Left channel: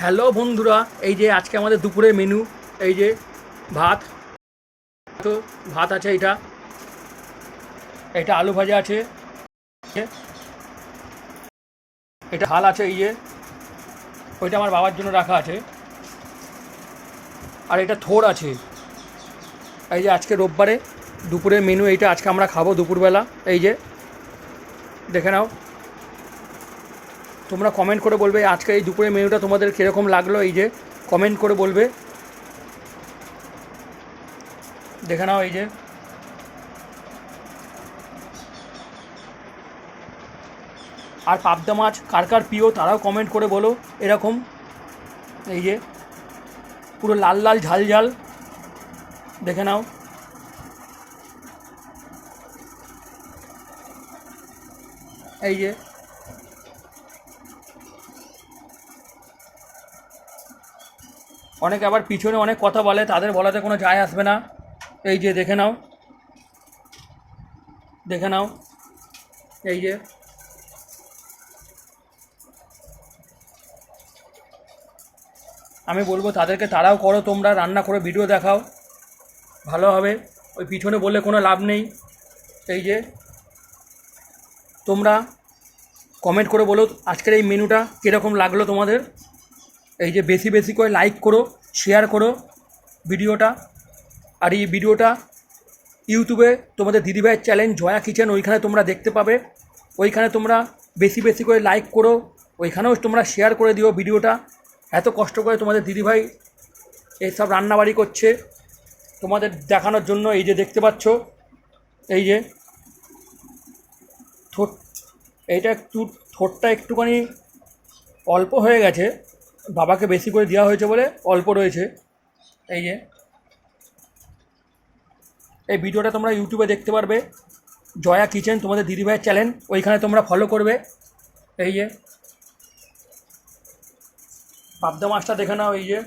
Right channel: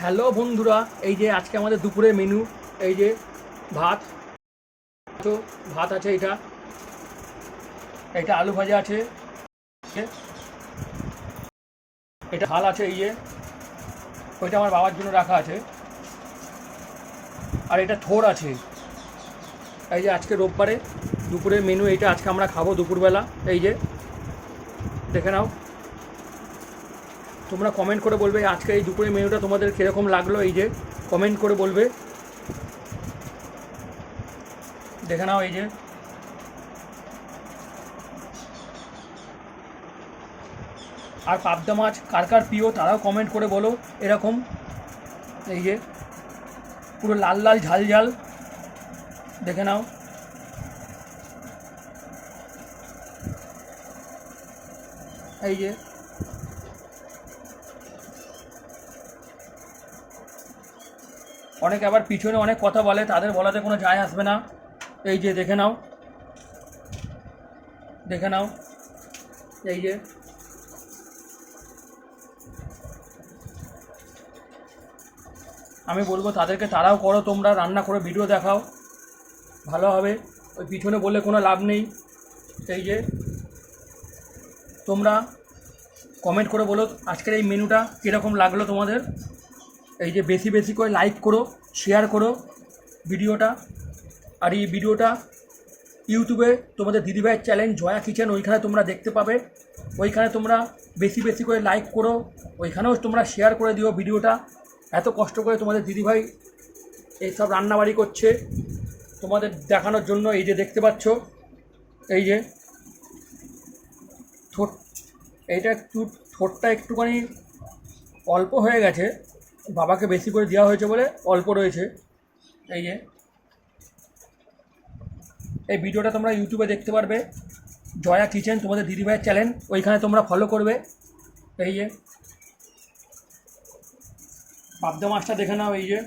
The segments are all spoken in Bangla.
হ্যালো বন্ধুরা, এই যে আজকে আমাদের দুপুরের মেনু। এই যে ভাত, তো ভাত আছে, এটা এটা আলু ভাজা আছে, এটা হাল আছে, এই যে ওইটা আমার বাবার জন্য রাখা আছে, আর এটা থোড় আছে। এই যে আজকে রোববারে দুপুরের মেনু এইটা, আজকে আমরা খাবো দুপুরবেলা। এই যে দেখে নাও, তোমরা কমেন্ট করে বলবে আজকে এই দুপুরের মেনুটা তোমাদের কীরকম লাগলো। এই যে কমেন্ট করে বলবে, দেখে নাও। এই যে আর পাবদা মাছ কার কার প্রিয় তারাও কমেন্ট করে বলো এরকম। এই যে পুরো লাল লাল ঝাল ঝাল, দেখে নাও। এই যে অনেকে আবার পিছনে অনেক কথা বলে, তাদের বলাতে কোনো যায় আসবে না। এই যে দেখে নাও, দেখে নাও। এই যে আমি বলবো তাদেরকে, তারাও করো, তোমরা রান্না করে ভিডিও দেখাও, ভালো হবে। ওই পিছনে বললে কোনো লাভ নেই। এই যে তোমরা কমেন্ট করে বলো আজকের এই মেনুটা কীরকম লাগলো তোমাদের। এই যে বেশি বেশি করে লাইক করো, শেয়ার করো ভিডিওটা। আর এই ভিডিওটা ইউটিউবে তোমাদের দিদিভাইয়ের চ্যানেল জয়া কিচেন, ওইখানে তোমরা দেখতে পাবে। ওইখানে তোমরা বেশি বেশি করে লাইক করো, ওইখানেও তোমরা শেয়ার করে দিও ভিডিওটা। এত কষ্ট করে তোমাদের দিদিভাই এইসব রান্নাবাড়ি করছে তোমাদের দেখানোর জন্য। এই যে দেখতে পাচ্ছ, এই যে ঠোঁট, এইটা একটু ঠোঁটটা একটুখানি অল্প হয়ে গেছে, বাবাকে বেশি করে দেওয়া হয়েছে বলে অল্প রয়েছে। এই যে এই ভিডিওটা তোমরা ইউটিউবে দেখতে পারবে, জয়া কিচেন তোমাদের দিদিভাইয়ের চ্যানেল, ওইখানে তোমরা ফলো করবে। এই যে পাবদা মাছটা দেখে নাও। এই যে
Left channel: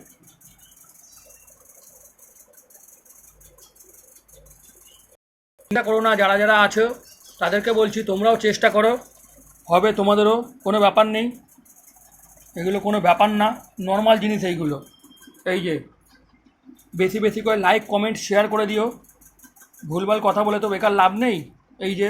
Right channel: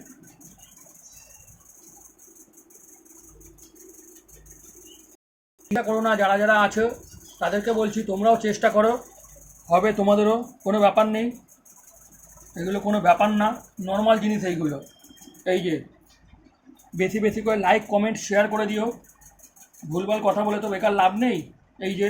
চিন্তা করো না, যারা যারা আছো তাদেরকে বলছি তোমরাও চেষ্টা করো, হবে তোমাদেরও, কোনো ব্যাপার নেই, এগুলো কোনো ব্যাপার না, নর্মাল জিনিস এইগুলো। এই যে বেশি বেশি করে লাইক কমেন্ট শেয়ার করে দিও, ভুলভাল কথা বলে তো বেকার লাভ নেই। এই যে